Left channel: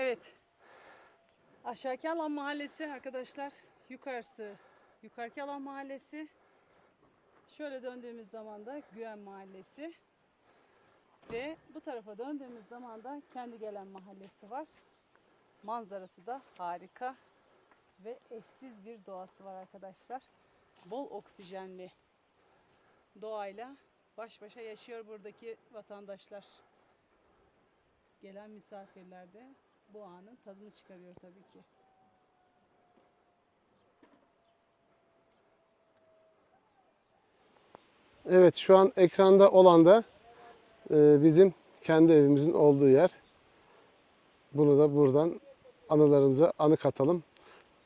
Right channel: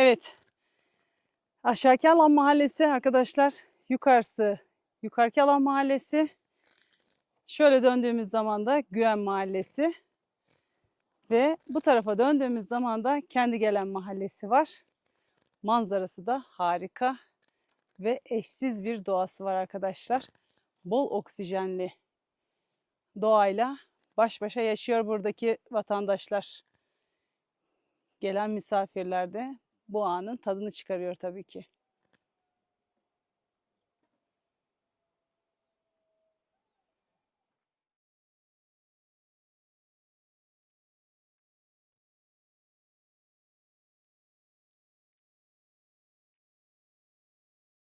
Evet. Aşağıki alan mahallesi arkadaşlar. Yukarısı yukarıki alan mahallesi. Şöyle döndüğümüz zaman da Güven mahallesi. Ve bu tarafa döndüğümüz zaman da kendi gelen mahallesi var. Manzarası da harika ve eşsiz bir doğası var arkadaşlar. Bol oksijenli doğayla baş başa yaşıyor buradaki vatandaşlar. Gelen misafirler de bu anın tadını çıkarıyor tabii ki. Evet şu an ekranda olan da e, bizim kendi evimizin olduğu yer. Bunu da buradan anılarımıza anı katalım,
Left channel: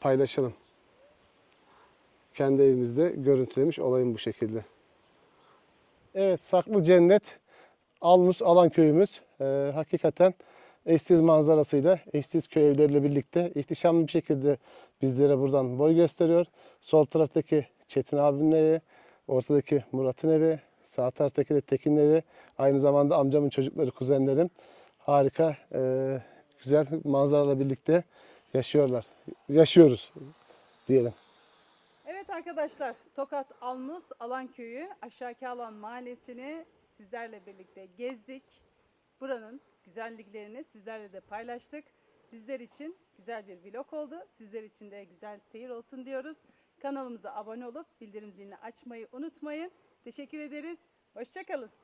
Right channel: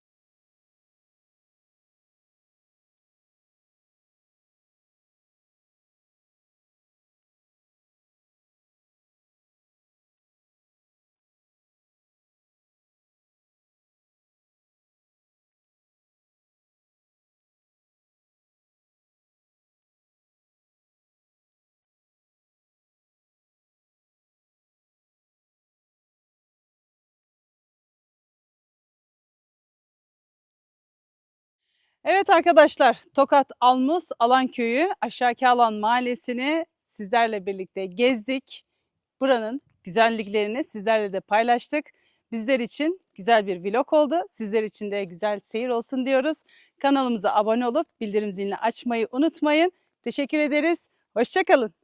paylaşalım. Kendi evimizde görüntülemiş olayım bu şekilde. Evet Saklı Cennet Almus Alan köyümüz. E, hakikaten eşsiz manzarasıyla, eşsiz köy evleriyle birlikte ihtişamlı bir şekilde bizlere buradan boy gösteriyor. Sol taraftaki Çetin abinin evi, ortadaki Murat'ın evi, sağ taraftaki de Tekin'in evi. Aynı zamanda amcamın çocukları, kuzenlerim. Harika, e, güzel manzaralarla birlikte yaşıyorlar. Yaşıyoruz diyelim. Evet arkadaşlar, Tokat Almus Alan Köyü Aşağıki Alan Mahallesi'ni sizlerle birlikte gezdik. Buranın güzelliklerini sizlerle de paylaştık. Bizler için güzel bir vlog oldu. Sizler için de güzel seyir olsun diyoruz. Kanalımıza abone olup bildirim zilini açmayı unutmayın. Teşekkür ederiz. Hoşçakalın.